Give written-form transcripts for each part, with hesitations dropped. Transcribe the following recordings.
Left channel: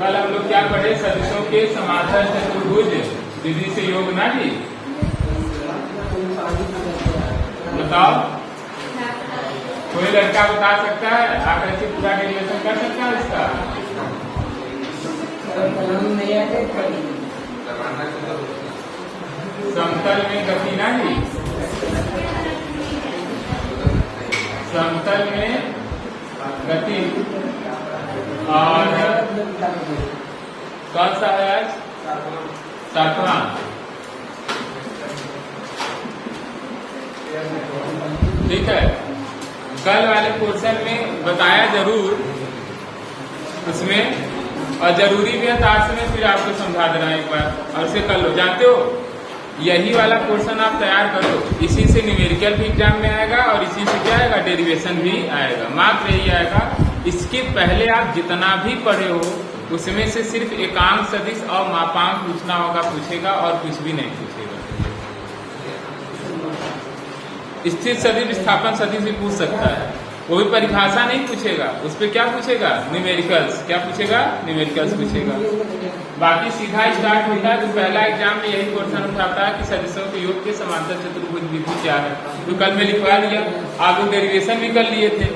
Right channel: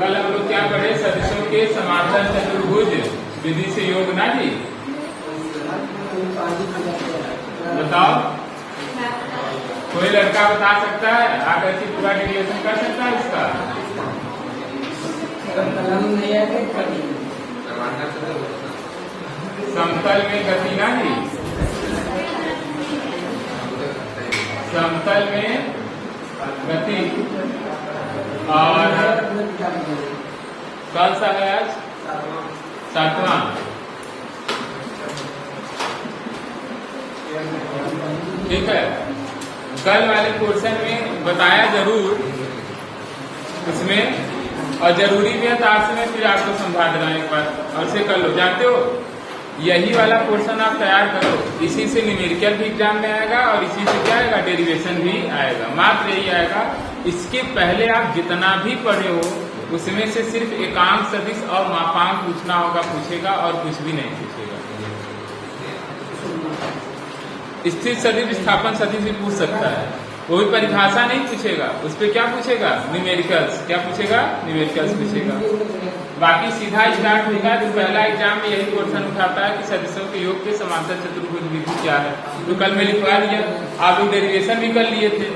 कल हम लोग क्या पढ़े, सदिशों के समांतर चतुर्भुज विधि से योग ना जी। बताओ, कोई लड़का बता सकता है, आकर के पूरा डेरिवेशन कर सकता है इसका? समतल में गति ना जी, समतल में गति। और कौन सा है आज? 7वां। ठीक है, कल वाले पोर्शन में बताया जरूर उसमें, और जरूरी भी है तो आज में फिर आपको समझा देना एक बार। अब से कर लो, जानते हो यही वाला पोर्शन आप तैयार करो, इसी से न्यूमेरिकल भी एग्जाम में आएगा और इसी से क्या आएगा, डेरिवेशन भी आएगा। मात्र यही आएगा, इसके पहले आप जितना भी पढ़े हो उसमें से सिर्फ एकांक सदिश और मापांक पूछना होगा, पूछेगा, और कुछ भी नहीं पूछेगा। स्थिर सदिश विस्थापन सदिश भी पूछ सकता है, वो भी परिभाषा नहीं पूछेगा, उस पर क्या पूछेगा, न्यूमेरिकल्स। क्या पूछेगा? न्यूमेरिकल्स पूछेगा। बाकी सीधा स्टार्ट होता है तो पहला एग्जाम में यही क्वेश्चन उठाता है कि सदिशों के योग के समांतर चतुर्भुज विधि क्या है। तो कल में लिखवा दिया, आप डेरिवेशन भी कर लिए थे।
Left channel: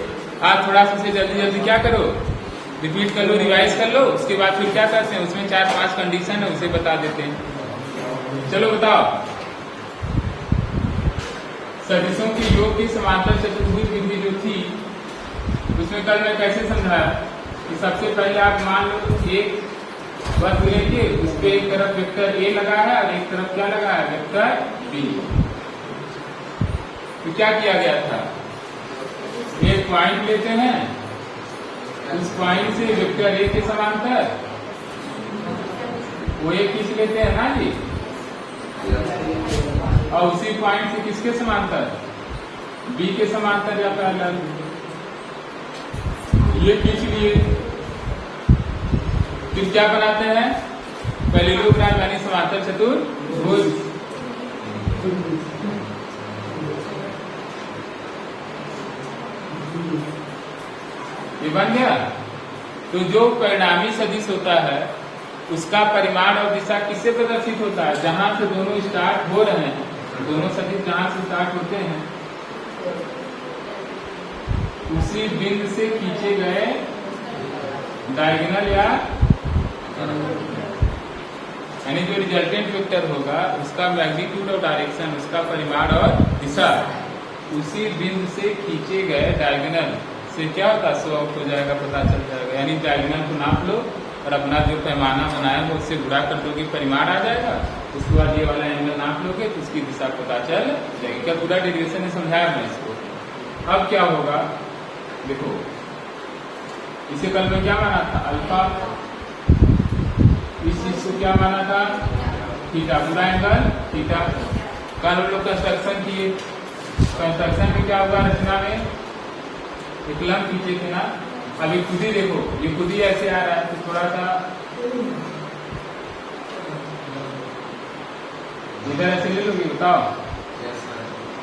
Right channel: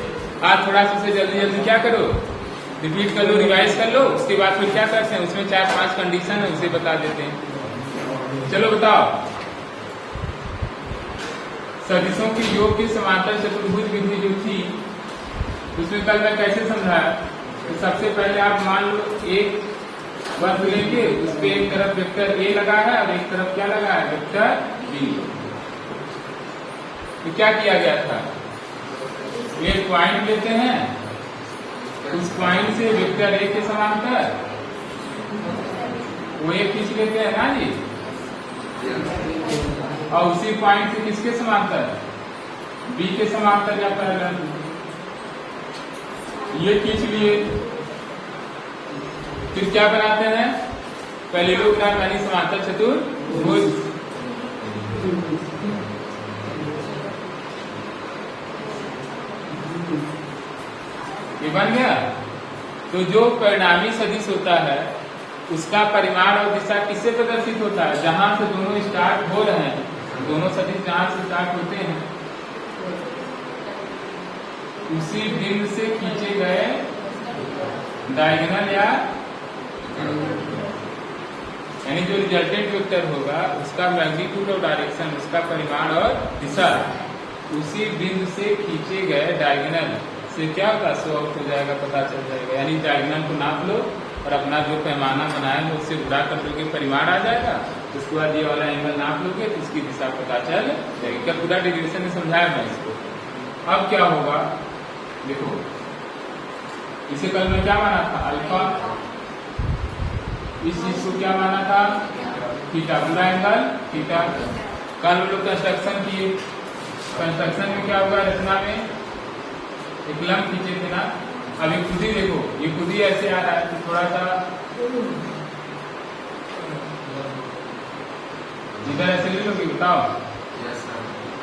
आज थोड़ा सा जल्दी जल्दी क्या करो, रिपीट कर लो, रिवाइज कर लो, उसके बाद फिर क्या करते हैं, उसमें 4-5 कंडीशन है उसे बता देते हैं। चलो बताओ, सदिशों के योग की समांतर चतुर्भुज विधि जो थी उसमें कल मैं कैसे समझाया। तो सबसे पहले आप मान लो एक वक्र लेके उस पे एक तरफ वेक्टर ए लगा है और एक तरफ क्या लगा है, वेक्टर बी। तो क्या किया गया था, एक पॉइंट लेते हैं, उस पॉइंट से वेक्टर ए के समांतर वो एक खींच लेते हैं ना जी, और उसी पॉइंट से किसके समांतर, बी के समांतर जाता है, ये खींच लिए। फिर क्या बनाते हैं, पहले लोग का यानी समांतर चतुर्भुज। ये बन गया। तो जो परिणामी सदिश होता है उसका परिमाण और दिशा किससे प्रदर्शित होता है, जहां से दोनों स्टार्ट हो रहे हैं, दोनों सदिश जहां से स्टार्ट होते हैं उसी बिंदु से खींचे गए डायगोनल या यानी जो रिजल्टेंट वेक्टर होगा उसका मैग्नीट्यूड और डायरेक्शन, उसका परिमाण और दिशा उसी बिंदु से खींचे गए डायगोनल से क्या होगा, सो आउट हो जाएगा, पता चल जाएगा। यानी डायगोनल को नाप लो और अपना जो पैमाना बनाए हो उससे गुणा कर दोगे, परिमाण आ जाएगा। उसके बाद ये वाला एंगल नाप लोगे तो उसकी दिशा पता चल जाएगी। पूरा डेरिवेशन में समझाया मैं इसको। अब क्या होगा देखो, इसे कल में क्या माना था, अल्फा। इस चीज को क्या माना था, थीटा, पूरा एंगल थीटा। कल हम लोग कंस्ट्रक्शन किए, कंस्ट्रक्शन में क्या होगा, रचना में एक लंब खींचे थे ना। अभी खुद ही देखो, ये खुद ही ऐसे आ रहा है, तो थोड़ा सा इधर ऐसे ले लोगे, बताओ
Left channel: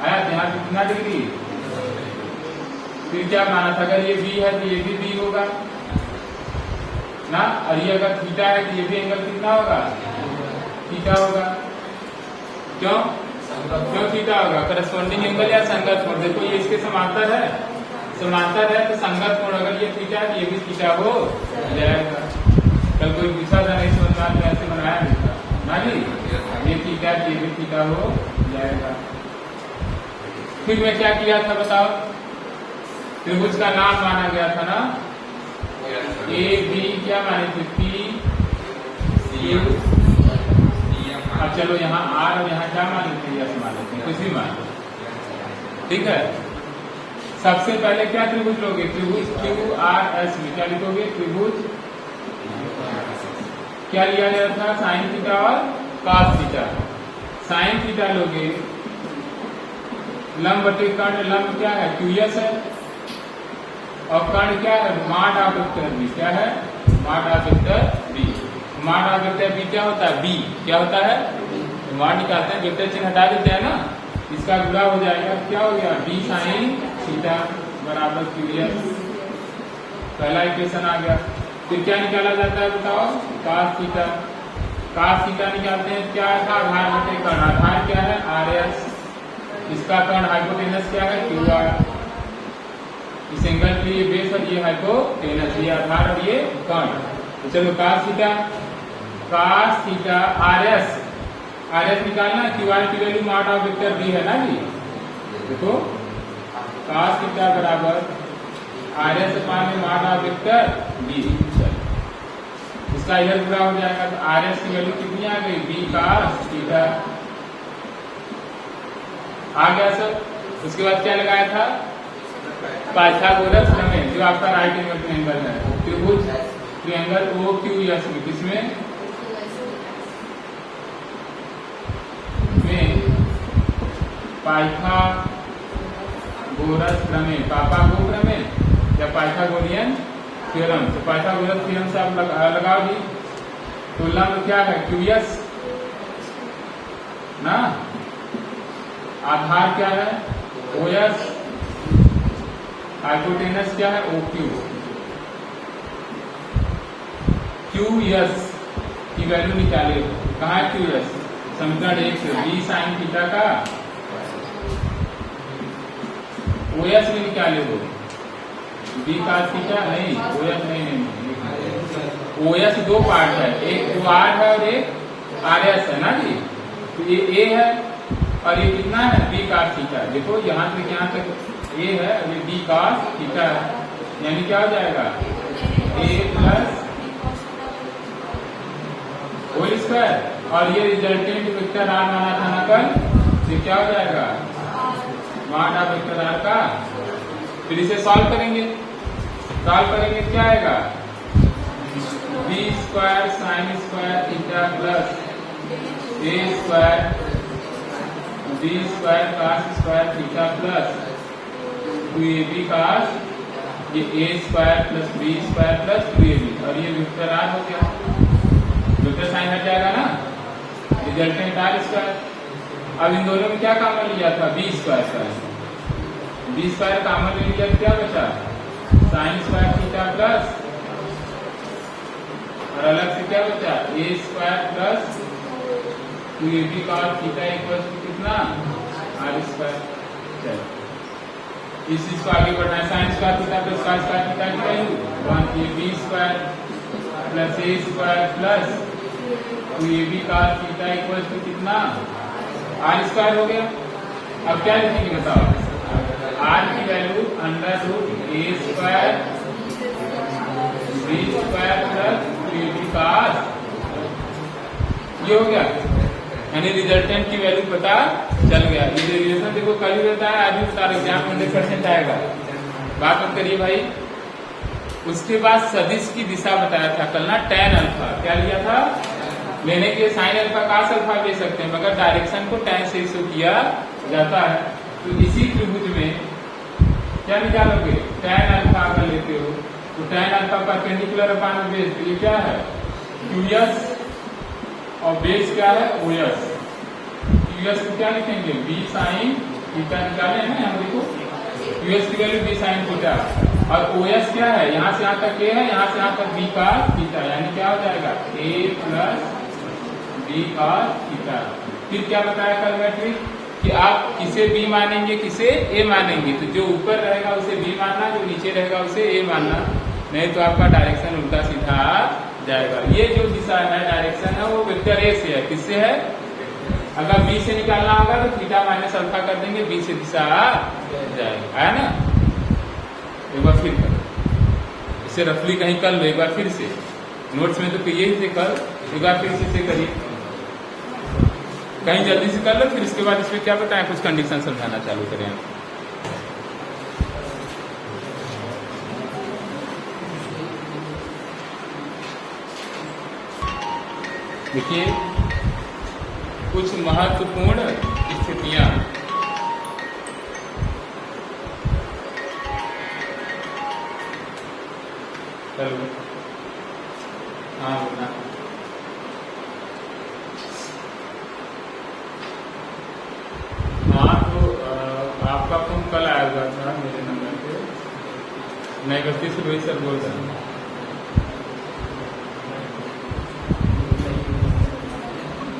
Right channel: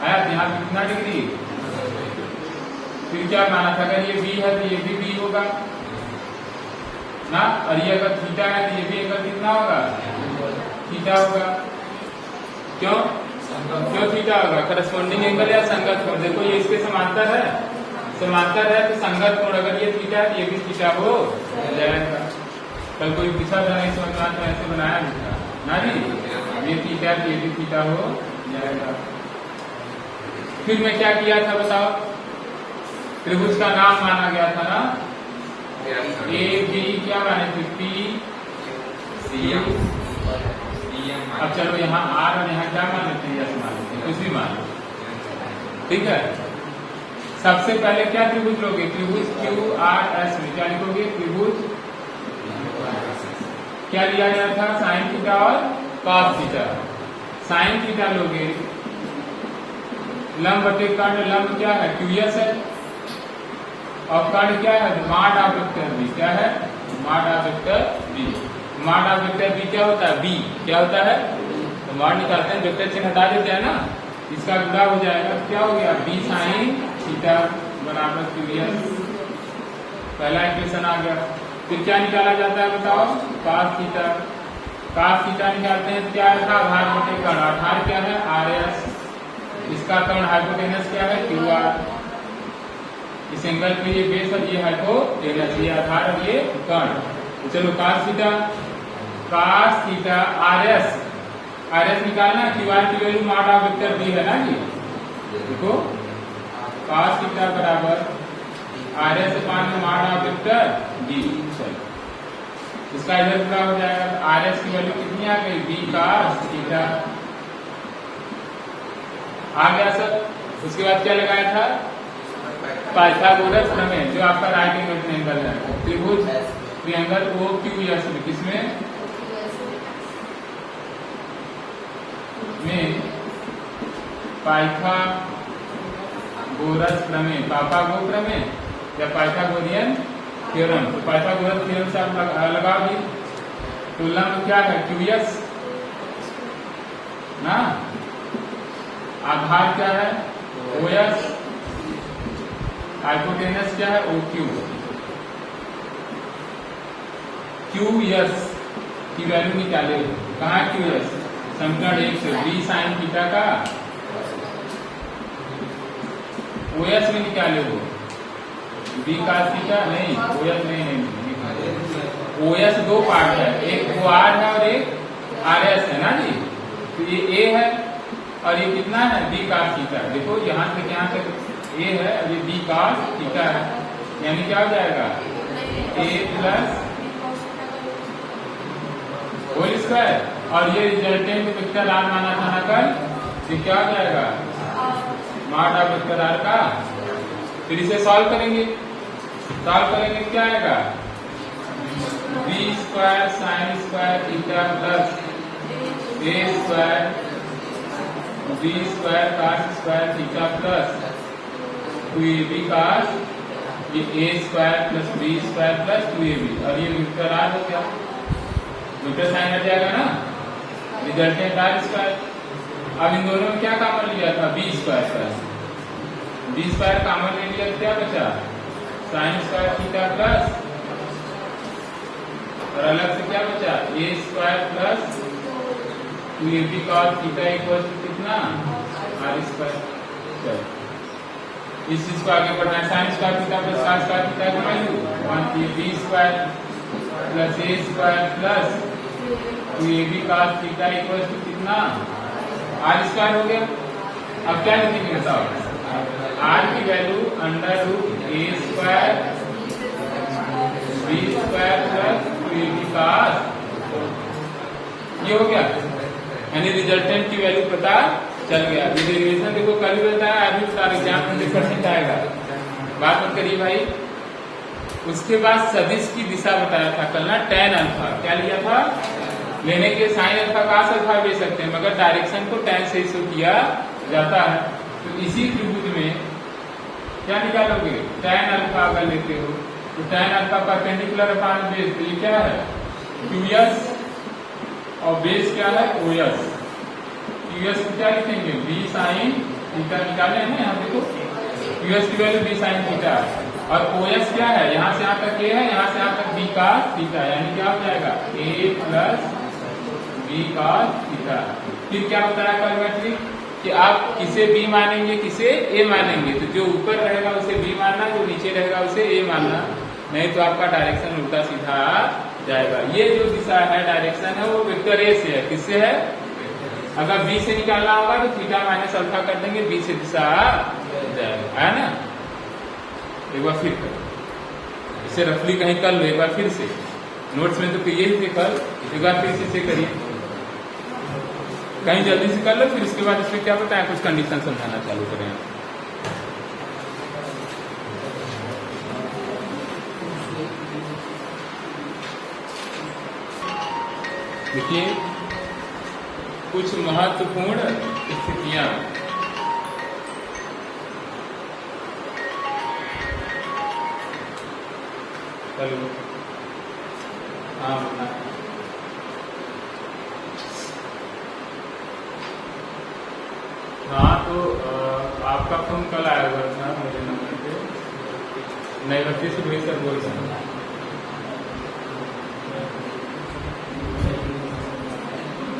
आया यहाँ कितना डिग्री। फिर क्या माना था, अगर ये बी है तो ये भी बी होगा ना, और ये अगर थीटा है तो ये भी एंगल कितना होगा, थीटा होगा। क्यों क्यों थीटा होगा, करस्पॉन्डिंग एंगल या संगत कोण। देखो ये इसके समांतर है, समांतर है तो संगत कोण, अगर ये थीटा ये भी थीटा हो जाएगा। कल कोई पूछा था इस अनुसार में ऐसे बनाया भी था ना जी, ये थीटा ये भी थीटा हो जाएगा। फिर मैं क्या किया था बताओ, त्रिभुज का नाम माना गया था ना, ए बी क्या माने थे, पी सी। अब चलो यहाँ आर और यहाँ क्या मान लेते हैं, यस मान लेते हैं, कुछ भी मान लो, ठीक है। सबसे पहले क्या त्रिभुज लोगे, त्रिभुज क्यू आर एस में क्या लिखोगे, त्रिभुज क्या लिया गया था, साइन थीटा और कॉस थीटा। साइन थीटा लोगे, लंब बटे कर्ण, लंब क्या है, क्यूएस है, और कर्ण क्या है, माड ऑफ वेक्टर बी। क्या है, माड ऑफ वेक्टर बी। माड ऑफ वेक्टर बी क्या होता है, बी क्या होता है, तो माड निकालते हैं, वेक्टर चिन्ह हटा देते हैं ना, इसका गुणा हो जाएगा, क्या हो गया, बी साइन थीटा बराबर क्यूएस। पहला इक्वेशन आ गया। फिर क्या निकाला जाता है बताओ, cos थीटा। cos थीटा निकालते हैं, क्या था, आधार बटे कर्ण। आधार क्या है, RS, इसका कर्ण हाइपोटेनस क्या है, QR। इस एंगल पे ये बेस और ये हाइपोटेनस, ये आधार और ये कर्ण। तो चलो cos थीटा RS निकालना, QR की value mod of vector B है ना जी। देखो cos थीटा बराबर RS upon mod of vector B। इसका इधर पूरा हो जाएगा, तो RS की वैल्यू कितनी आ गई, B cos थीटा आ गया सर। उसके बाद क्या लगाया था, पाइथागोरस प्रमेय, जो आपका राइट एंगल ट्रायंगल है, त्रिभुज ट्रायंगल OQS में, किसमें में पाइथागोरस प्रमेय, पापागो प्रमेय या पाइथागोरियन थ्योरम। तो पाइथागोरस थ्योरम से आप लगाओ जी। तो लंब क्या है, QS ना, आधार क्या है, OS, हाइपोटेनस क्या है, OQ। QS की वैल्यू निकाले, कहाँ है QS, समीकरण 1 से B sin थीटा का OS में निकाले हो, B cos थीटा नहीं, OS नहीं, OS दो पार्ट है, एक OR है और एक RS है ना जी। तो ये A है और ये कितना है, B cos थीटा। देखो यहाँ से यहाँ तक A है और ये B cos थीटा है, यानी क्या हो जाएगा, A प्लस होल स्क्वायर, और ये रिजल्टेंट वेक्टर R माना था ना कल, ये क्या हो जाएगा, मॉड ऑफ वेक्टर R का। फिर इसे सॉल्व करेंगे, क्या आएगा, B square sine square theta plus A square B square cos square theta plus 2AB cos, ये A square plus B square plus 2AB, और ये वेक्टर R हो गया, वेक्टर साइन हट जाएगा ना, रिजल्टेंट R स्क्वायर। अब इन दोनों में क्या कॉमन लिया था, B स्क्वायर का, B स्क्वायर कॉमन ले लिया, क्या बचा, साइन स्क्वायर थीटा प्लस, और अलग से क्या बचा, A square plus 2AB cos theta equal to कितना, R स्क्वायर। चलो इस चीज को आगे बढ़ना है, sine square theta plus cos square theta की value B square plus A square plus 2AB cos theta equal to कितना, R स्क्वायर हो गया। अब क्या लिखेंगे बताओ, R की value under root A square B square plus 2AB cos, ये हो गया, यानी रिजल्टेंट की वैल्यू पता चल गया। रिलेशन देखो कल ही होता है, आज भी सारे एग्जाम में 100% आएगा, बात मत करिए भाई। उसके बाद सदिश की दिशा बताया था कल ना, tan अल्फा, क्या लिया था, लेने के साइन अल्फा cos अल्फा ले सकते हैं, मगर डायरेक्शन को tan से शो किया जाता है। तो इसी त्रिभुज में क्या निकालोगे, tan अल्फा अगर लेते हो तो tan अल्फा परपेंडिकुलर अपान बेस, तो ये क्या है QS, और बेस क्या है OS। QS को क्या लिखेंगे, B sin थीटा निकाले हैं हम, देखो QS की वैल्यू B sin थीटा, और OS क्या है, यहाँ से यहाँ तक A है, यहाँ से यहाँ तक B cos थीटा, यानी क्या हो जाएगा, A plus B cos theta. फिर क्या बताया कल मैट्रिक, कि आप किसे B मानेंगे, किसे A मानेंगे, तो जो ऊपर रहेगा उसे B मानना, जो नीचे रहेगा उसे A मानना, नहीं तो आपका डायरेक्शन उल्टा सीधा जाएगा। ये जो दिशा है, डायरेक्शन है, वो वेक्टर A से है, किससे है, अगर B से निकालना होगा तो थीटा माइनस अल्फा कर देंगे, B से दिशा जाएगा, है ना। एक बार फिर इसे रफली कहीं कर लो, एक बार फिर से नोट्स में तो यही थे कल, एक बार फिर से करिए, कहीं जल्दी से कर लो, फिर इसके बाद इसमें क्या बताया, कुछ कंडीशन समझाना चालू करें। देखिए कुछ महत्वपूर्ण स्थितियां, हाँ तो आपका फोन कल आएगा था मेरे नंबर पे, मैं 31 रोहित सर बोल रहा हूँ।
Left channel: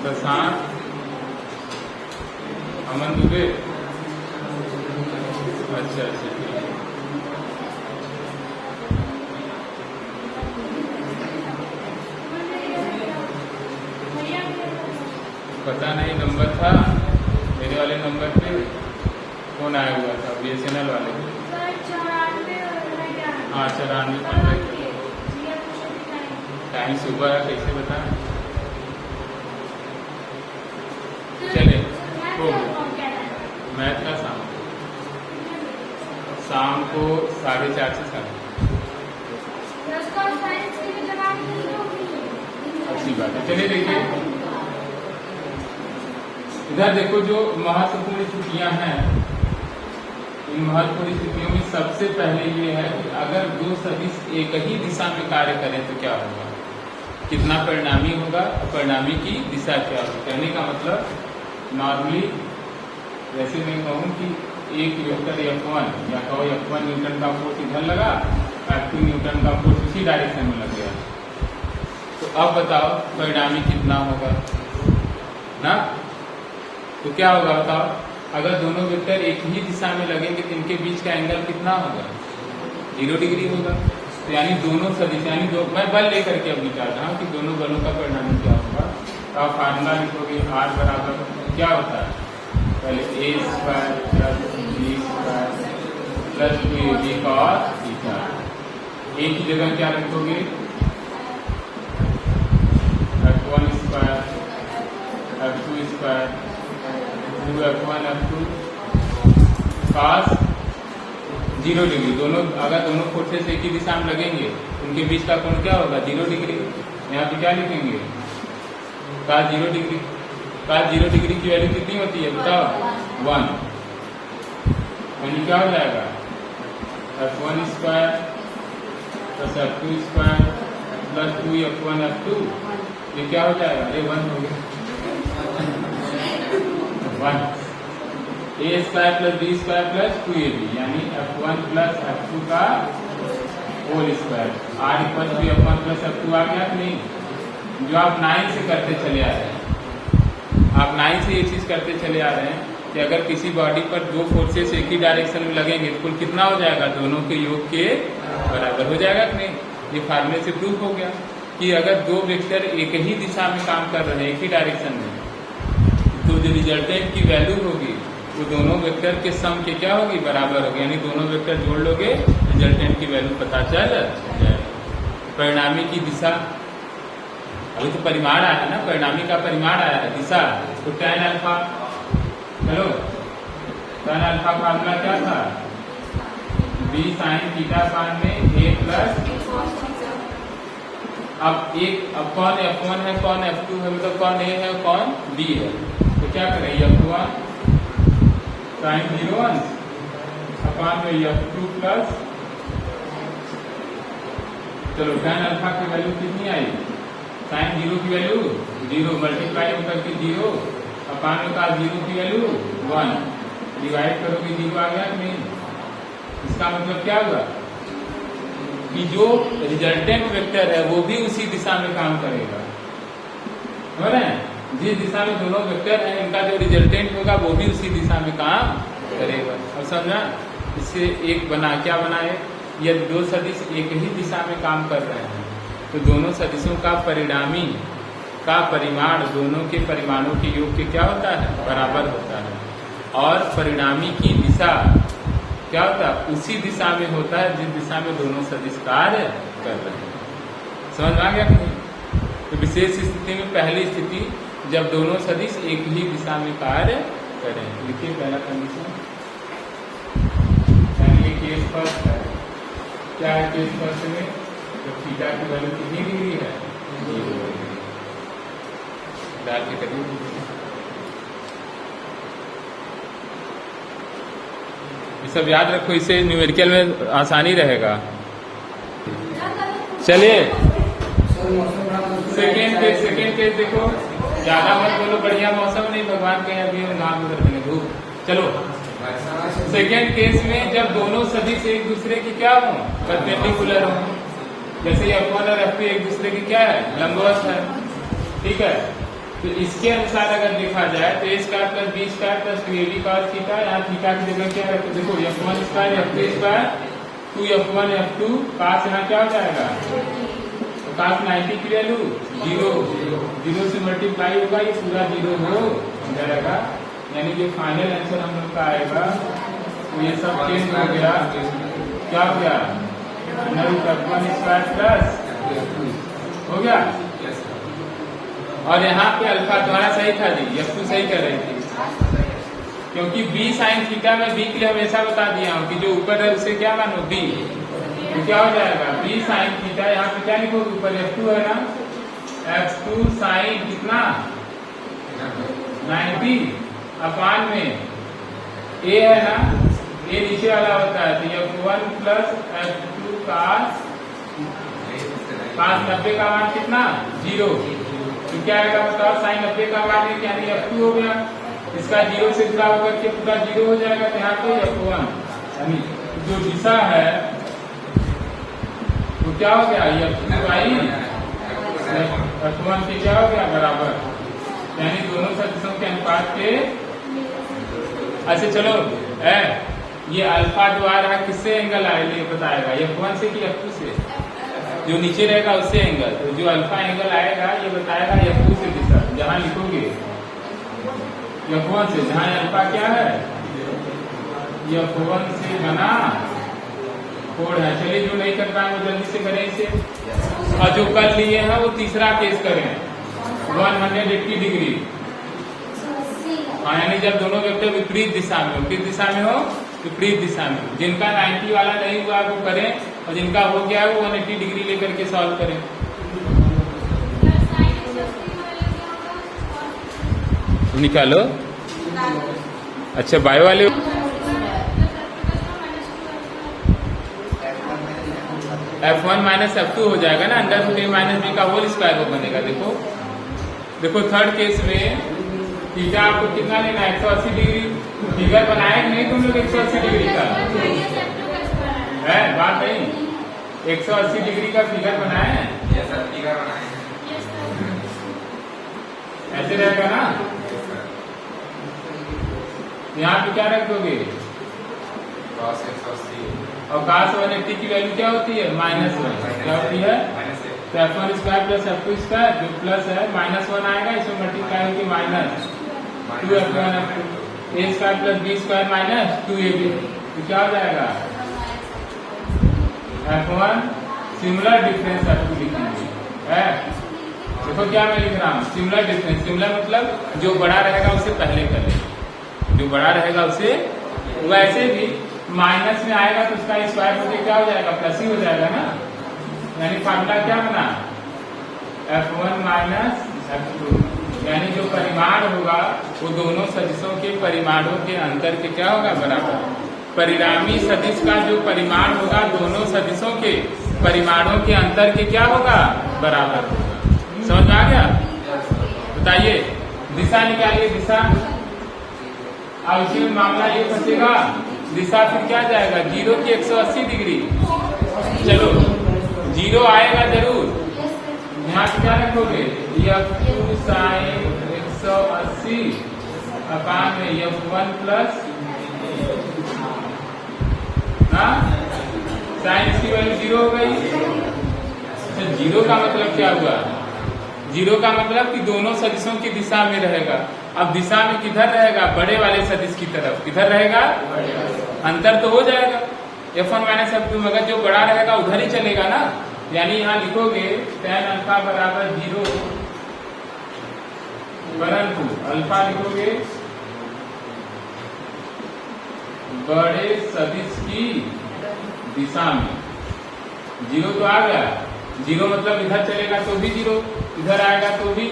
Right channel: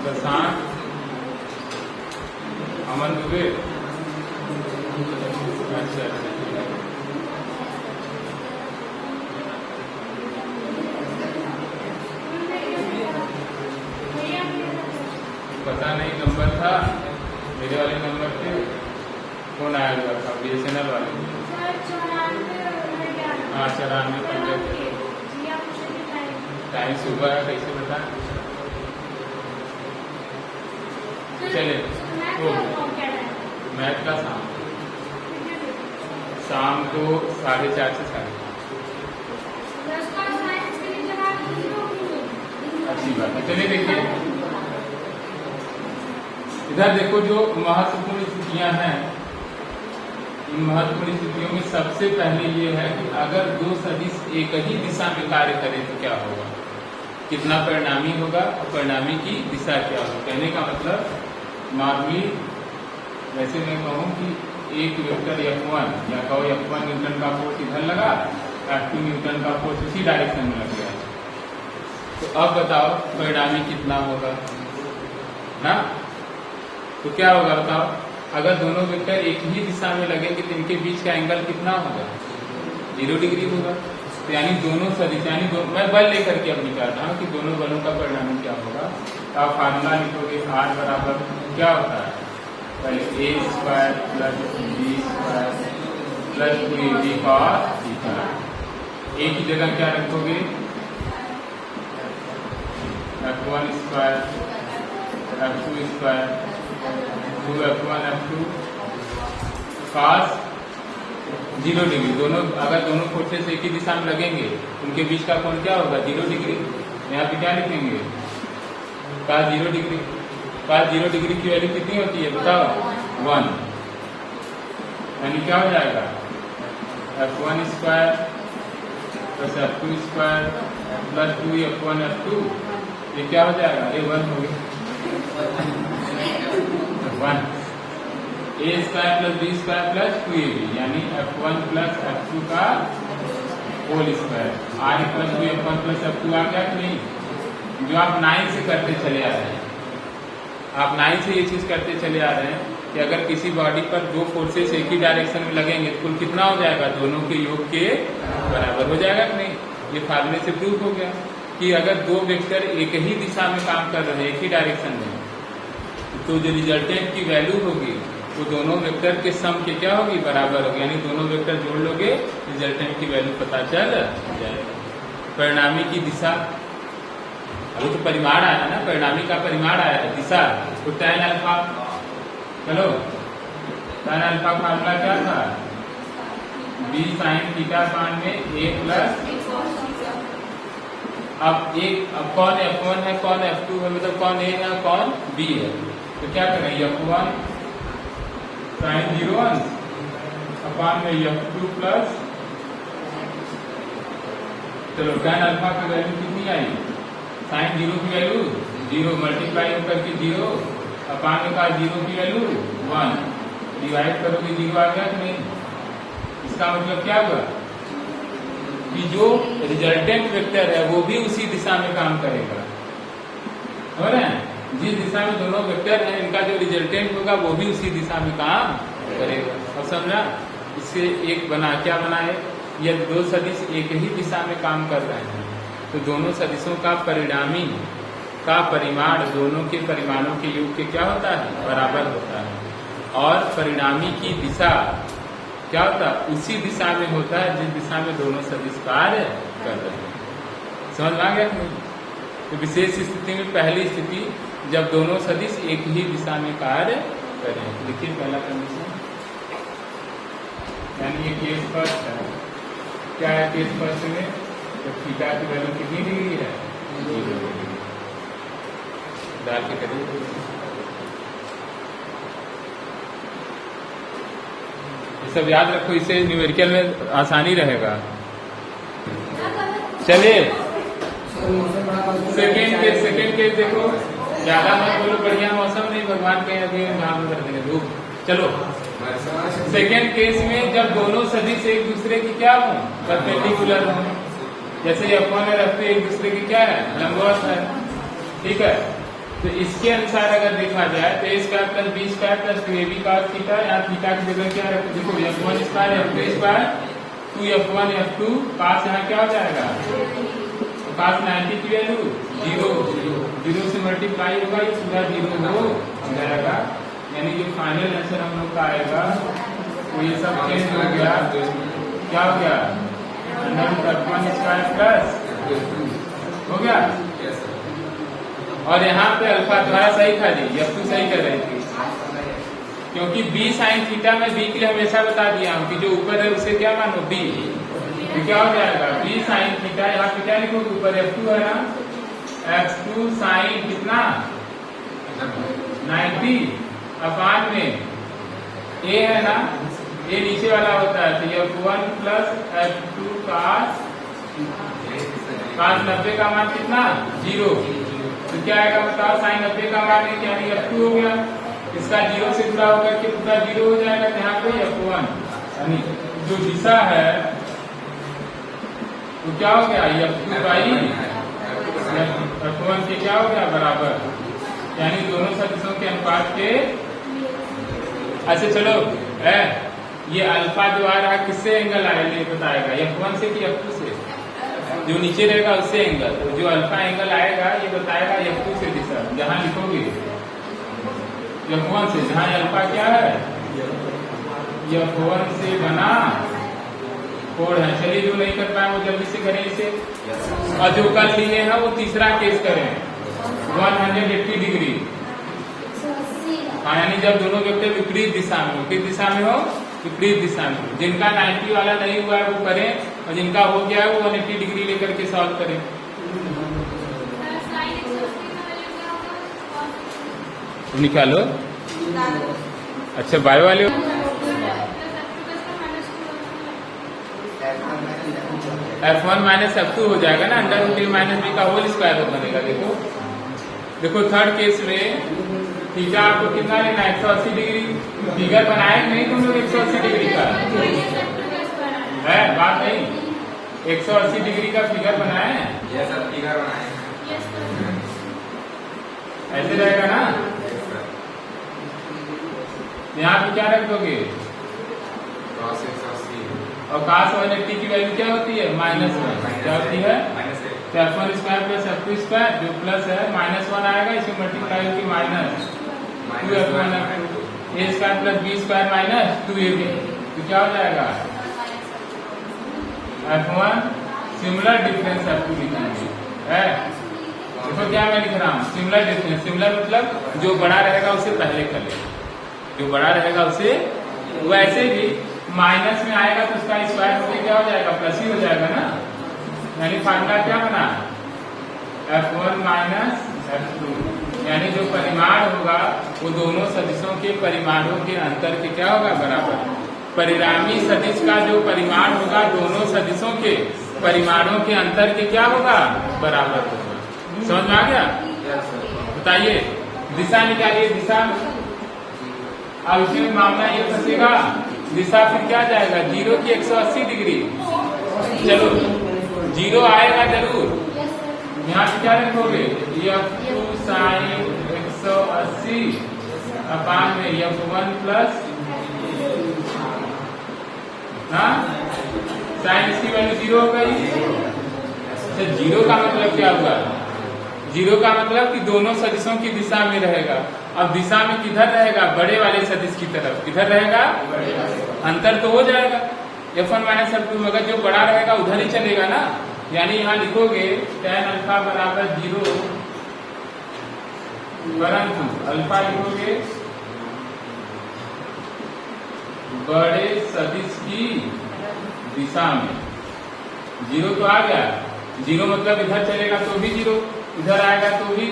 शशांक, अमन दुबे। अच्छा अच्छा, पता नहीं नंबर था मेरे वाले नंबर पे कौन आया हुआ था, BSNL वाले। हाँ 94 टाइम सुबह है, कैसे बताएं। चलिए मैथ का शाम को 4:30 से 7:30। अच्छी बात है। चलिए देखिए इधर देखो, जो महत्वपूर्ण स्थितियां हैं, इन महत्वपूर्ण स्थितियों में सबसे पहले ये है कि अगर दो सदिश एक ही दिशा में कार्य करें तो क्या होगा, कितना परिणामी होगा और परिणामी की दिशा क्या होगी। कहने का मतलब नॉर्मली जैसे मैं कहूँ कि एक वेक्टर F1 या कहो F1 न्यूटन का फोर्स इधर लगा, F2 न्यूटन का फोर्स उसी डायरेक्शन में लग गया, तो अब बताओ परिणामी कितना होगा ना। तो क्या होगा बताओ, अगर दोनों वेक्टर एक ही दिशा में लगेंगे तो इनके बीच का एंगल कितना होगा, 0 डिग्री होगा। यानी दोनों सदिश, यानी मैं बल लेकर के अब विचार रहा हूँ कि दोनों बलों का परिणामी क्या होगा। तो आप फार्मूला लिखोगे R बराबर क्या होता है, पहले A² + B² + AB cos theta. A की जगह क्या रखोगे, F1² F2² 2F1 F2 cos 0 degree. दोनों अगर दोनों फोर्सेस एक ही दिशा में लगेंगे उनके बीच का कोण क्या होगा, 0 डिग्री। यहाँ पे क्या लिखेंगे, cos 0 डिग्री। cos 0 डिग्री की वैल्यू कितनी होती है बताओ, 1। यानी क्या हो जाएगा, F1² + F2² + 2F1 F2, ये क्या हो जाएगा, अरे 1 हो गया 1। A² + B² + 2AB यानी F1 + F2 का whole square. R = F1 + F2 आ गया कि नहीं। जो आप 9 से करते चले आ रहे हैं, आप 9 से ये चीज करते चले आ रहे हैं कि अगर किसी बॉडी पर दो फोर्सेस एक ही डायरेक्शन में लगेंगे तो कितना हो जाएगा, दोनों के योग के बराबर हो जाएगा कि नहीं। ये फार्मूले से प्रूफ हो गया कि अगर दो वेक्टर एक ही दिशा में काम कर रहे हैं, एक ही डायरेक्शन में, तो जो रिजल्टेंट की वैल्यू होगी वो दोनों वेक्टर के सम के क्या होगी, बराबर होगी। यानी दोनों वेक्टर जोड़ लोगे, रिजल्टेंट की वैल्यू पता चल जाएगा। परिणामी की दिशा, अभी तो परिमाण आया ना, परिणामी का परिमाण आया है, दिशा। तो tan अल्फा, चलो tan अल्फा का फार्मूला क्या था, B sin थीटा मान में A+। अब कौन F1 है, कौन F2 है, मतलब कौन A है, कौन B है। तो क्या करें, F1 sin 0 अपान में F2 प्लस, चलो tan अल्फा की वैल्यू कितनी आई, sin 0 की वैल्यू 0 मल्टीप्लाई होकर के 0 अपान में का 0 की वैल्यू 1 डिवाइड करोगे 0 आ गया कि नहीं। इसका मतलब क्या हुआ कि जो रिजल्टेंट वेक्टर है वो भी उसी दिशा में काम करेगा, समझ रहे हैं। जिस दिशा में दोनों वेक्टर हैं इनका जो रिजल्टेंट होगा वो भी उसी दिशा में काम करेगा। अब समझना, इससे एक बना, क्या बना है, यदि दो सदिश एक ही दिशा में काम कर रहे हैं तो दोनों सदिशों का परिणामी का परिमाण दोनों के परिमाणों के योग के क्या होता है, बराबर होता है। और परिणामी की दिशा क्या होता है, उसी दिशा में होता है जिस दिशा में दोनों सदिश कार्य कर रहे हैं। समझ आ गया। तो विशेष स्थिति में पहली स्थिति जब दोनों सदिश एक ही दिशा में कार्य कर रहे हैं। देखिए पहला कंडीशन, यानी ये केस फर्स्ट है। क्या है केस फर्स्ट में, जब थीटा की वैल्यू कितनी डिग्री है, 0 डिग्री। ये सब याद रखो, इससे न्यूमेरिकल में आसानी रहेगा। चलिए सेकेंड केस देखो, ज्यादा मत बोलो, बढ़िया मौसम नहीं, भगवान के अभी नाम रखने धूप। चलो सेकेंड केस में जब दोनों सदिश एक दूसरे की क्या हो, परपेंडिकुलर हो, जैसे F1 और F2 एक दूसरे की क्या है, लंबवत है, ठीक है। तो इसके अनुसार अगर देखा जाए तो A square plus B square plus 2ab cos theta, यहाँ थीटा की जगह क्या है? देखो f1 square f2 square 2f1 f2 cos यहाँ क्या हो जाएगा? तो cos 90 की वैल्यू 0 से मल्टीप्लाई होगा, ये पूरा 0 हो जाएगा। यानी जो फाइनल आंसर हम लोग का आएगा वो ये सब चेंज हो गया, क्या हो गया? f1 स्क्वायर प्लस हो गया। और यहाँ पे अल्फा द्वारा सही था जी, f2 सही कर रही थी, क्योंकि b साइन थीटा में b के लिए हमेशा बता दिया हूँ कि जो ऊपर है उससे क्या मानो b, तो क्या हो जाएगा? b साइन थीटा, यहाँ पे क्या लिखोगे? ऊपर f2 है ना, f2 साइन कितना 90 अपान में a है ना, a नीचे वाला होता है, तो f1 प्लस f2 cos 90 का मान कितना? 0। तो क्या आएगा बताओ? साइन 90 का मान है, यानी f2 हो गया, इसका 0 से जुड़ा होकर के पूरा 0 हो जाएगा। तो यहाँ पे f1 यानी जो दिशा है वो क्या हो गया? f2 बाई f1 के क्या हो गया? बराबर, यानी दोनों सदिशों के अनुपात के। अच्छा चलो ये अल्फा जो आ रहा है किससे एंगल आएगा बताएगा? f1 से कि f2 से? जो नीचे रहेगा उससे एंगल, तो जो अल्फा एंगल आएगा ये बताएगा f2 से दिशा। जहां लिखोगे f1 से, जहां अल्फा क्या है? f1 से बना कोण है। चलिए जो नहीं कर पाए वो जल्दी से करें इसे, और जो कर लिए हैं वो तीसरा केस करें 180 डिग्री। यानी जब दोनों वेक्टर विपरीत दिशा में हो, किस दिशा में हो? विपरीत दिशा में। जिनका 90 वाला नहीं हुआ है वो करें, और जिनका हो गया है वो 180 डिग्री लेकर के सॉल्व करें। निकालो। अच्छा बाय वाले f1 माइनस f2 हो जाएगा ना, under root a minus b का होल स्क्वायर बनेगा। देखो थर्ड केस में थीटा आपको कितना लेना है? 180 डिग्री। फिगर बनाए नहीं तुम लोग 180 डिग्री का है? बात नहीं, 180 डिग्री का फिगर बनाए हैं? फिगर बनाए ऐसे रहेगा ना। यहाँ पे क्या रख दोगे? और cos 180 की वैल्यू क्या होती है? -1 क्या होती है? तो f1 square plus f2 square जो प्लस है -1 आएगा, इसमें मल्टीप्लाई होगी -2f1 f2 a square plus b square minus 2ab, तो क्या हो जाएगा? f1 सिमिलर डिफरेंस f2 लिखेंगे है। देखो क्या मैं लिख रहा हूँ? Similar difference. सिमिलर मतलब जो बड़ा रहेगा उससे पहले करें, जो बड़ा रहेगा उससे। वैसे भी माइनस में आएगा तो उसका स्क्वायर होकर क्या हो जाएगा? प्लस ही हो जाएगा ना। यानी फार्मूला क्या बना? f1 माइनस f2, यानी जो परिमाण होगा वो दोनों सदिशों के परिमाणों के अंतर के क्या होगा? बराबर। परिणामी सदिश का जो परिमाण होगा दोनों सदिशों के परिमाणों के अंतर के क्या होगा? बराबर होगा। समझ में आ गया? बताइए दिशा निकालिए। दिशा अब इसी में मामला ये फंसेगा, दिशा फिर क्या जाएगा? 0 की 180 डिग्री। चलो 0 आएगा जरूर। यहाँ पे क्या रखोगे? f2 साइन 180 अपान में f1 प्लस साइन, इसकी वैल्यू 0 हो गई। तो 0 का मतलब क्या हुआ? 0 का मतलब कि दोनों सदिशों की दिशा में रहेगा। अब दिशा में किधर रहेगा? बड़े वाले सदिश की तरफ। किधर रहेगा? अंतर तो हो जाएगा f1 माइनस f2, मगर जो बड़ा रहेगा उधर ही चलेगा ना। यानी यहाँ लिखोगे tan अल्फा बराबर 0, परंतु अल्फा लिखोगे बड़े सदिश की दिशा में। 0 तो आ गया, 0 मतलब इधर चलेगा तो भी 0, इधर आएगा तो भी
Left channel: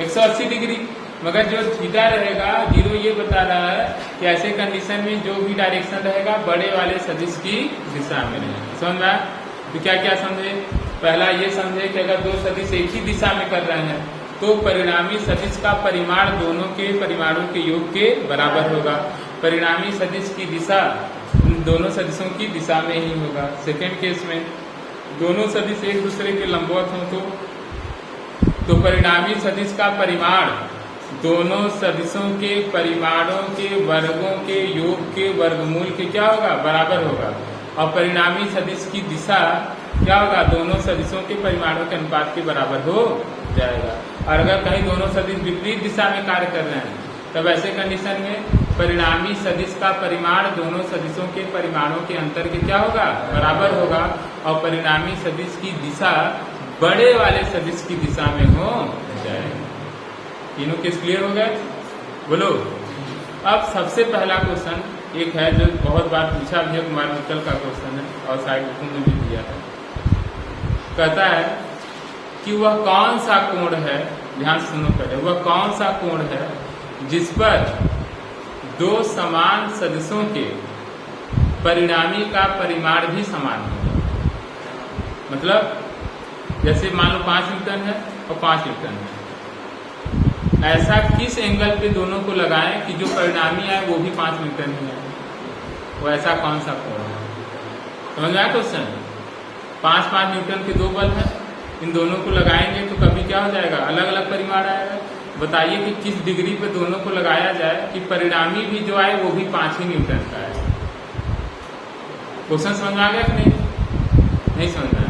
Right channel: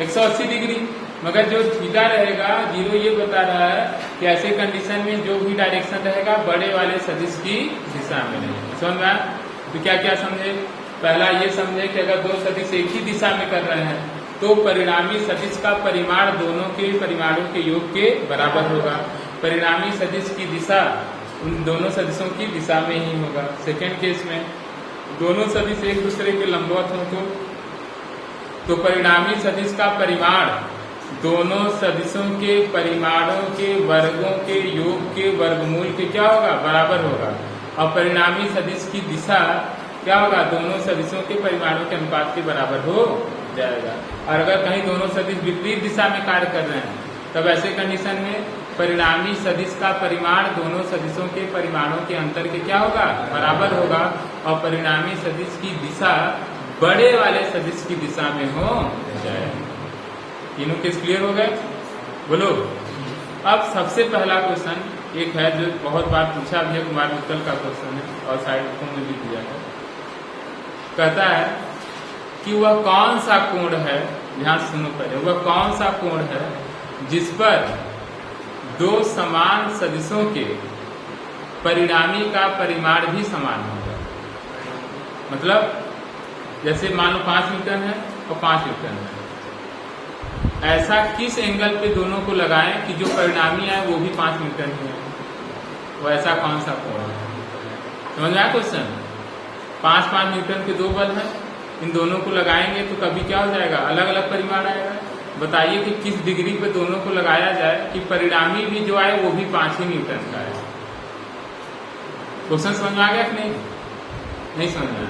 180 डिग्री। मगर जो थीटा रहेगा 0 ये बता रहा है कि ऐसे कंडीशन में जो भी डायरेक्शन रहेगा बड़े वाले सदिश की दिशा में रहेगा। समझ में? तो क्या क्या समझे? पहला ये समझे कि अगर दो सदिश एक ही दिशा में कर रहे हैं तो परिणामी सदिश का परिमाण दोनों के परिमाणों के योग के बराबर होगा। परिणामी सदिश की दिशा उन दोनों सदिशों की दिशा में ही होगा। सेकेंड केस में दोनों सदिश एक दूसरे के लंबवत हो तो परिणामी सदिश का परिमाण दोनों सदिशों के परिमाणों के वर्गों के योग के वर्गमूल के क्या होगा, बराबर होगा। और परिणामी सदिश की दिशा क्या होगा, दोनों सदिशों के परिमाणों के अनुपात के बराबर हो जाएगा। और अगर कहीं दोनों सदिश विपरीत दिशा में कार्य कर रहे हैं तब ऐसे कंडीशन में परिणामी सदिश का परिमाण दोनों सदिशों के परिमाणों के अंतर के क्या होगा, बराबर होगा। और परिणामी सदिश की दिशा बड़े वाले सदिश की दिशा में हो जाएगी। तीनों केस क्लियर हो गए, बोलो। अब सबसे पहला क्वेश्चन एक है जो बहुत बार पूछा भी है, कुमार मित्तल का क्वेश्चन है और साइड में भी दिया है। कहता है कि वह कौन सा कोण है, ध्यान सुनो पहले, वह कौन सा कोण है जिस पर दो समान सदिशों के परिणामी का परिमाण भी समान होगा। मतलब जैसे मान लो 5 न्यूटन है और 5 न्यूटन है, ऐसा किस एंगल पे दोनों को लगाएं कि जो परिणामी है वो भी 5 न्यूटन ही है, वो ऐसा कौन सा कोण है। समझ आया क्वेश्चन। 5-5 न्यूटन के दो बल हैं, इन दोनों को लगाएंगे तो कभी क्या हो जाएगा, अलग अलग परिमाण आएगा। बताइए कि किस डिग्री पे दोनों को लगाया जाए कि परिणामी भी जो आए वो भी 5 ही न्यूटन का है। क्वेश्चन समझ में आ गया कि नहीं समझ में आया,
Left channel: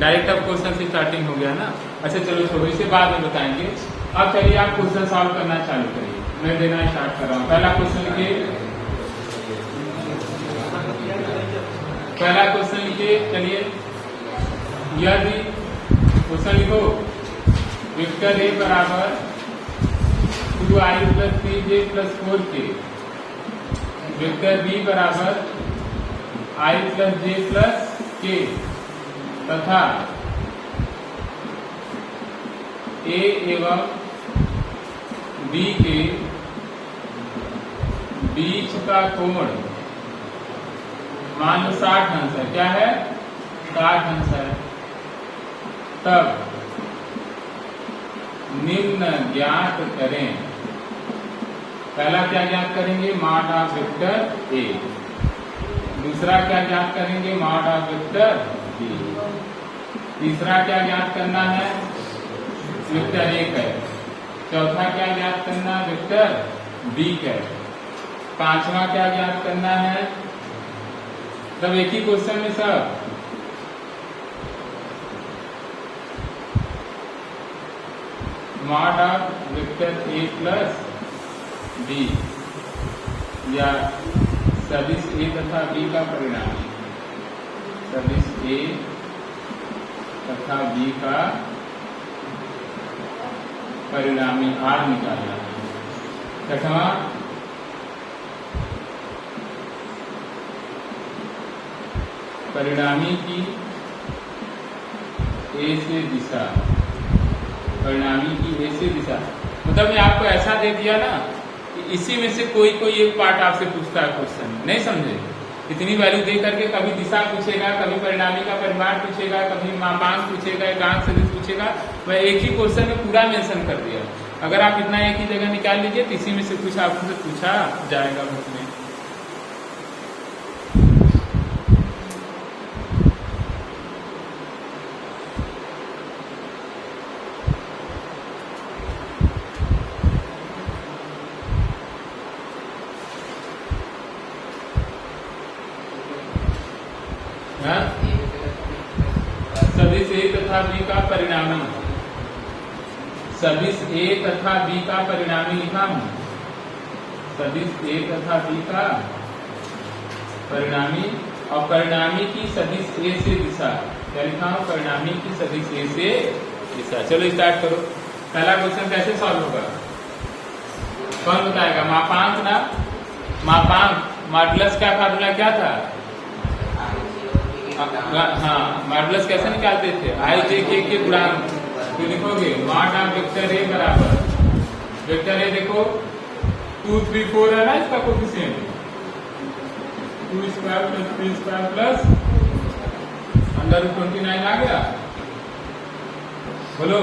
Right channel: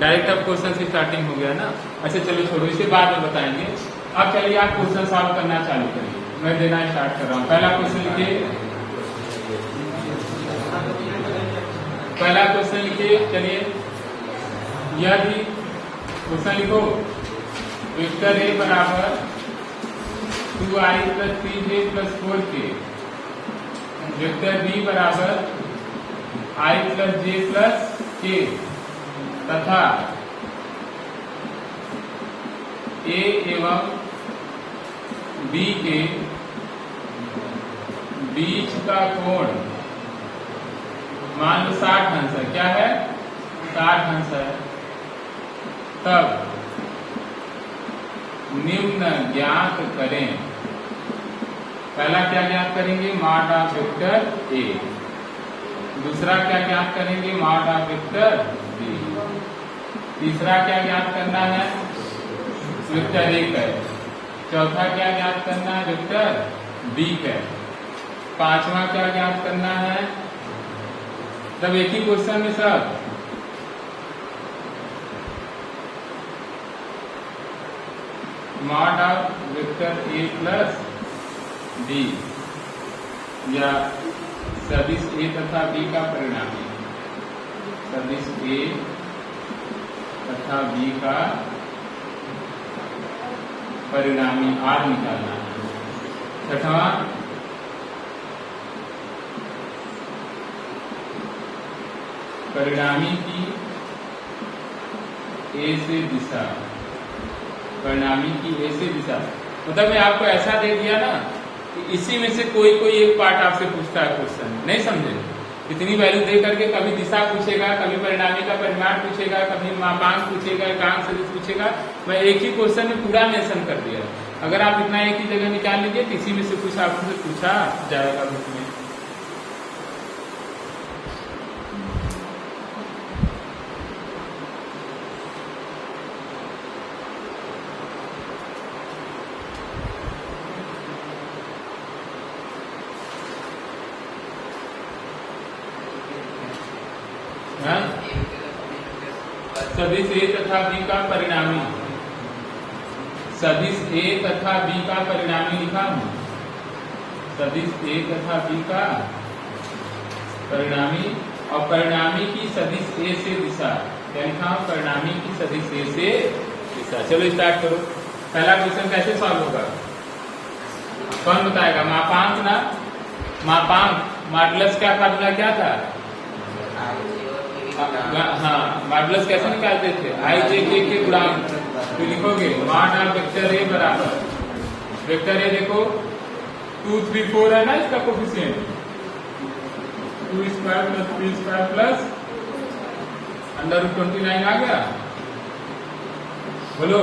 डायरेक्ट अब क्वेश्चन से स्टार्टिंग हो गया ना। अच्छा चलो छोड़ो, इसे बाद में बताएंगे। अब चलिए आप क्वेश्चन सॉल्व करना चालू करिए, मैं देना स्टार्ट कर रहा हूँ। पहला क्वेश्चन लिखिए, पहला क्वेश्चन लिखिए। चलिए यह भी क्वेश्चन लिखो, वेक्टर ए बराबर 2i + 3j + 4k, vector B बराबर i + j + k तथा ए एवं बी के बीच का कोण मान लो 60 अंश है। क्या है, 60 अंश है। तब निम्न ज्ञात करें। पहला क्या ज्ञात करेंगे, मॉड ऑफ वेक्टर ए। दूसरा क्या ज्ञात करेंगे, मॉड ऑफ वेक्टर बी। तीसरा क्या ज्ञात करना है, वेक्टर ए का। चौथा क्या ज्ञात करना है, वेक्टर बी का। पांचवा क्या ज्ञात करना है, सब एक ही क्वेश्चन में सब। Mod of vector A plus B या सदिश ए तथा बी का परिणाम, सदिश ए तथा बी का परिणामी आर निकालना है। छठवां परिणामी की ए से दिशा, परिणामी की ए से दिशा। मतलब मैं आपको ऐसा दे दिया ना कि इसी में से कोई एक पार्ट आपसे पूछता है क्वेश्चन, नहीं समझे। इतनी वैल्यू दे करके कभी दिशा पूछेगा, कभी परिणामी का परिमाण पूछेगा, कभी मापांक पूछेगा, एकांक सदिश पूछेगा। मैं एक ही क्वेश्चन में पूरा मेंशन कर दिया। अगर आप इतना एक ही जगह निकाल लीजिए तो इसी में से कुछ आपसे पूछा जाएगा उसमें। सदिश ए तथा बी का परिणामी, सदिश ए तथा बी का परिणामी लिखा हूं। सदिश ए तथा बी का परिणामी और परिणामी की सदिश ए से दिशा। क्या लिखा हूं, परिणामी की सदिश ए से दिशा। चलिए स्टार्ट करो। पहला क्वेश्चन कैसे सॉल्व होगा, कौन बताएगा। मापांक ना, मापांक मॉडुलस का फार्मूला क्या था। हाँ, मॉडुलस कैसे निकालते थे, आई जे के गुणांक। तो लिखोगे मॉड ऑफ वेक्टर ए बराबर, वेक्टर ए देखो 2, 3, 4 है ना इसका कोफिशिएंट, 2² + 2² + √29 आ गया। बोलो।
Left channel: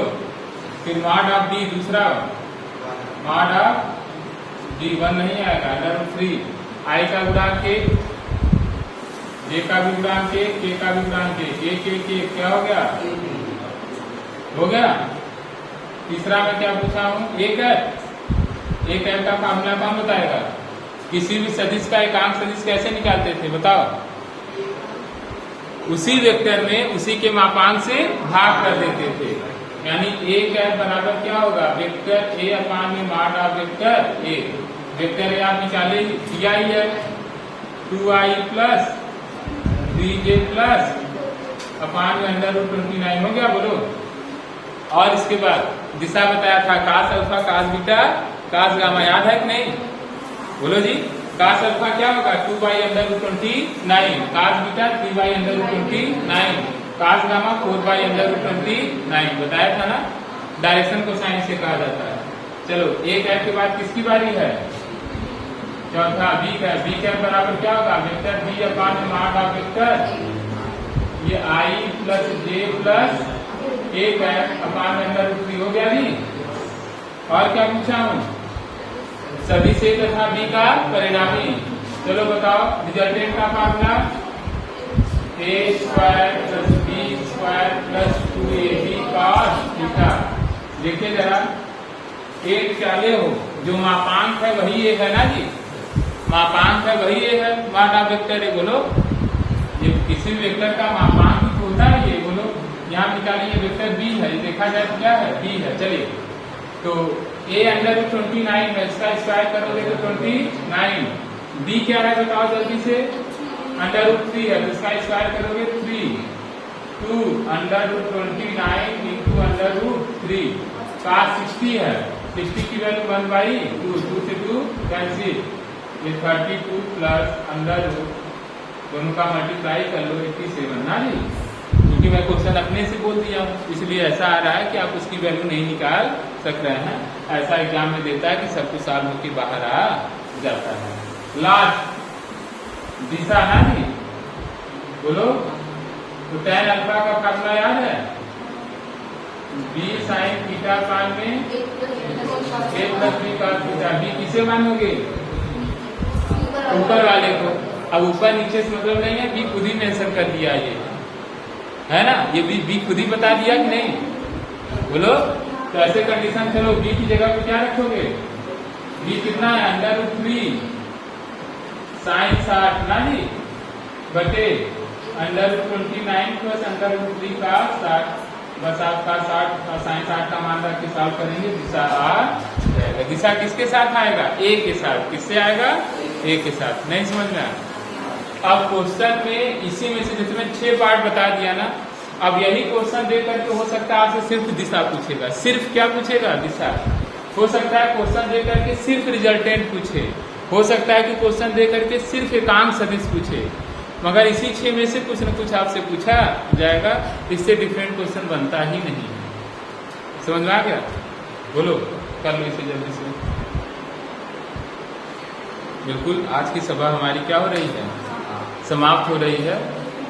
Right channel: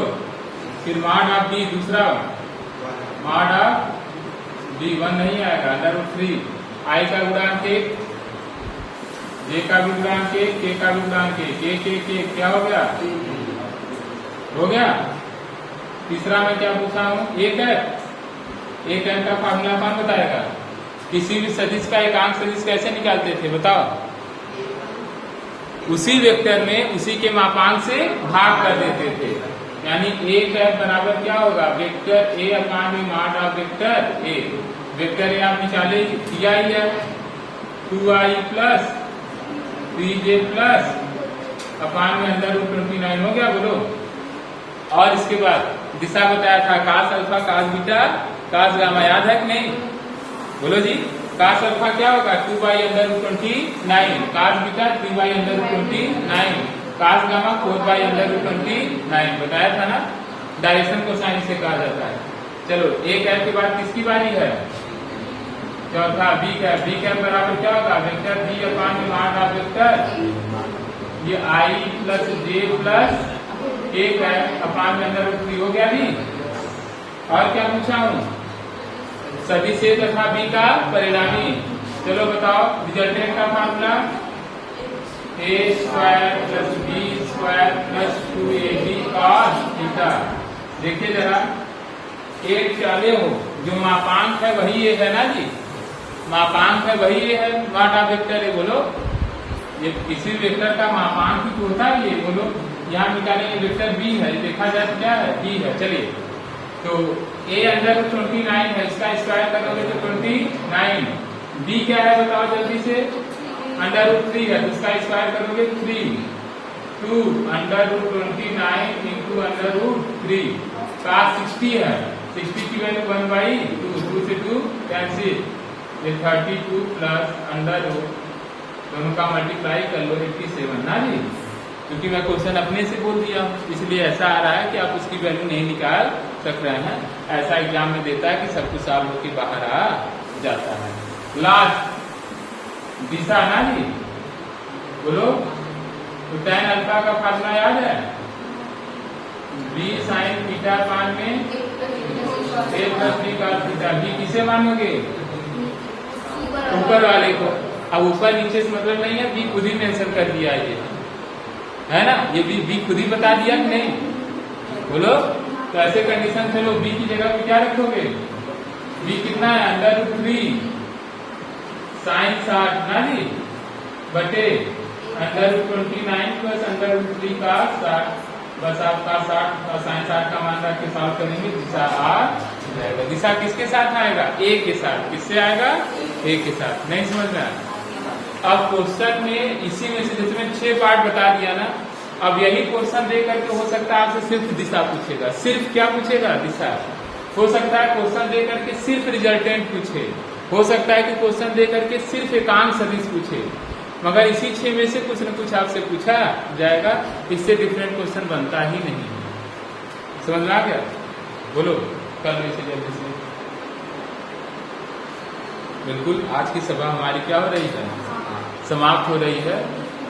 फिर मॉड ऑफ डी, दूसरा मॉड ऑफ डी 1 नहीं आएगा, √3। आई का गुणांक 1, जे का भी गुणांक 1, के का भी गुणांक 1, के क्या हो गया, हो गया। तीसरा मैं क्या पूछा हूँ, एक है का फार्मूला कौन बताएगा? किसी भी सदिश का एकांक सदिश कैसे निकालते थे बताओ? उसी वेक्टर में उसी के मापांक से भाग कर देते थे। यानी एक है बराबर क्या होगा, वेक्टर ए अपान में mod of vector A. Vector A आप निकाले दिया ही है 2i प्लस 3j प्लस अपान में अंडर रूट 29 हो गया, बोलो। और इसके बाद दिशा बताया था कास अल्फा कास बीटा कास गामा, याद है कि नहीं? बोलो जी। कास अल्फा क्या होगा 2 under root 29, cos beta 3 under root 29, cos gamma 4 under root 29 बताया था ना। डायरेक्शन को साइन से कहा जाता है। चलो एक है के बाद किसकी बारी है? चौथा बी कैप। बी कैप बराबर क्या होगा, वेक्टर बी अपान में मॉड ऑफ वेक्टर ये आई प्लस जे प्लस एक है अपान में अंडर रूट 3 हो गया भी। और क्या पूछा हूँ, सदिश ए तथा बी का परिणामी। चलो बताओ रिजल्टेंट का formula A square plus B square plus 2ab cos theta. देखिए जरा एक चाले हो जो मापांक है वही ये है ना जी, मापांक है वही ये है, मॉड ऑफ वेक्टर है। बोलो ये किसी वेक्टर का मापांक ही तो होता है ये, बोलो। यहाँ निकालेंगे वेक्टर बी है, ये देखा जाए क्या है, बी है। चलिए तो ए अंडर रूट 29 है, इसका स्क्वायर करोगे तो 29। बी क्या है बताओ जल्दी से, अंडर रूट 3 है तो इसका स्क्वायर करोगे 3। 2 under root 29 into under root 3 का 60 है, 60 की वैल्यू 1/2, 2 से 2 कैंसिल, ये 32 प्लस अंडर रूट दोनों का मल्टीप्लाई कर लो 87 ना जी। क्योंकि मैं क्वेश्चन अपने से बोल दिया इसलिए ऐसा आ रहा है कि आप उसकी वैल्यू नहीं निकाल सक रहे हैं। ऐसा एग्जाम में देता है कि सब कुछ सॉल्व होकर बाहर आ जाता है। लास्ट दिशा ना जी, बोलो। तो tan अल्फा का फार्मूला याद है, b साइन थीटा पान में a प्लस b का थीटा। b किसे मानोगे, ऊपर वाले को। अब ऊपर नीचे से मतलब नहीं है, b खुद ही मेंशन कर दिया है ना, ये b खुद ही बता दिया कि नहीं, बोलो। तो ऐसे कंडीशन चलो b की जगह पे क्या रखोगे, b कितना है अंडर रूट 3 साइन 60 ना जी बटे under root 29 plus under root 3 का 60। बस आपका 60 साइन 60 का मान रख के सॉल्व करेंगे, दिशा आ जाएगा। दिशा किसके साथ आएगा, ए के साथ। किससे आएगा, ए के साथ। नहीं समझ में आया? अब क्वेश्चन में इसी में से जिसमें 6 पार्ट बता दिया ना, अब यही क्वेश्चन दे करके हो सकता है आपसे सिर्फ दिशा पूछेगा। सिर्फ क्या पूछेगा, दिशा। हो सकता है क्वेश्चन दे करके सिर्फ रिजल्टेंट पूछे, हो सकता है कि क्वेश्चन दे करके सिर्फ एकांक सदिश पूछे, मगर इसी 6 में से कुछ न कुछ आपसे पूछा जाएगा। इससे डिफरेंट क्वेश्चन बनता ही नहीं है। समझ में आ गया? बोलो कर लो इसे जल्दी से। बिल्कुल आज की सभा हमारी क्या हो रही है, समाप्त हो रही है।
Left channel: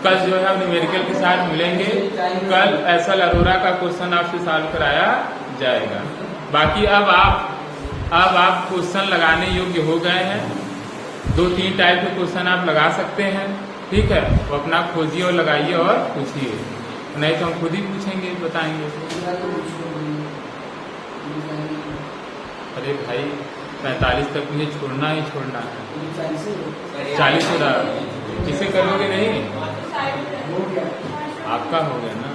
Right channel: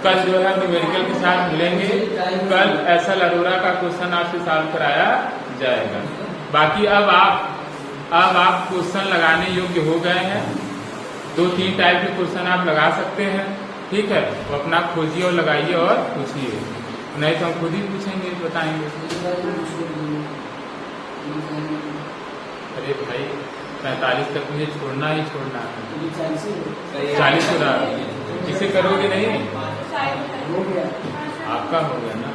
कल जो है न्यूमेरिकल के साथ मिलेंगे। कल एसएल अरोरा का क्वेश्चन आपसे सॉल्व कराया जाएगा। बाकी अब आप क्वेश्चन लगाने योग्य हो गए हैं। 2-3 टाइप के क्वेश्चन आप लगा सकते हैं, ठीक है। तो अपना खोजिए और लगाइए और पूछिए, नहीं तो हम खुद ही पूछेंगे, बताएंगे। अरे भाई 45 तक मुझे छोड़ना ही छोड़ना है। 40 से इसे करोगे नहीं, आपका हो गया ना।